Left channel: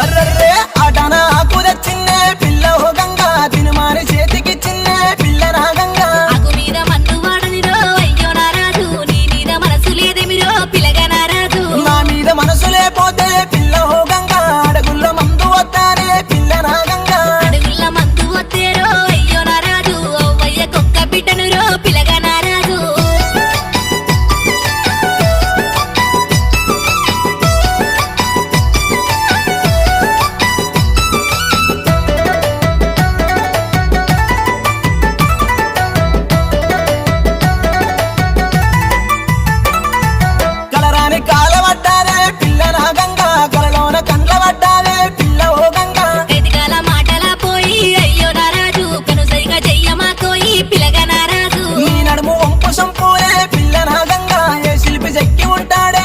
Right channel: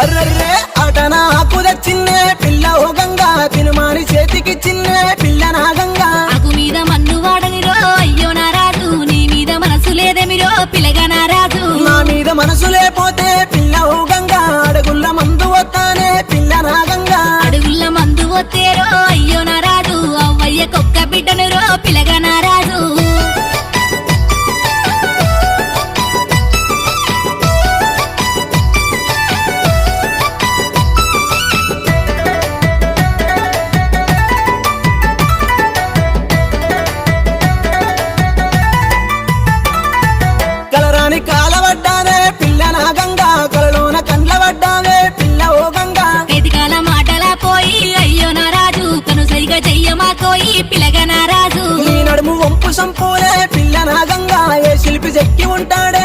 అర్రర్రే ఆటన ఆకు తెచ్చిన్నే పిల్ల ఓ గంగా తినుమాని చేతికి చిన్నే పిల్ల నా గంగా ఆకు మీద మన్ను వాడనిరో అయ్యో నారాజు నీ మీద మనసు లేదేమిరో పిల్లగా నారాజు నా మీద మనసు లేపోతే పిల్ల ఓ గంగా అడుగుల్ల మందు వస్తానే పిల్ల నా గంగా అడుగుల్ల మందు వత్తేరో అయ్యో నారాజు అవ్వయ్య కొక్క బిడ్డనురో పిల్లగా నారాజు కలరాని కాలవడ్డానే పిల్ల నా గంగా కలలోన కండ్ల పడ్డానే పిల్ల ఓ గంగా కైతికాల మాటలా పోయి అయ్యో నారాజు కను సరిగా చెయ్యమాకోయి పిల్లగా నారాజు నీ నడుము వంపు సంపోలే పిల్ల నా గంగా ఏ శిల్పి చెక్కి ఉంటాడే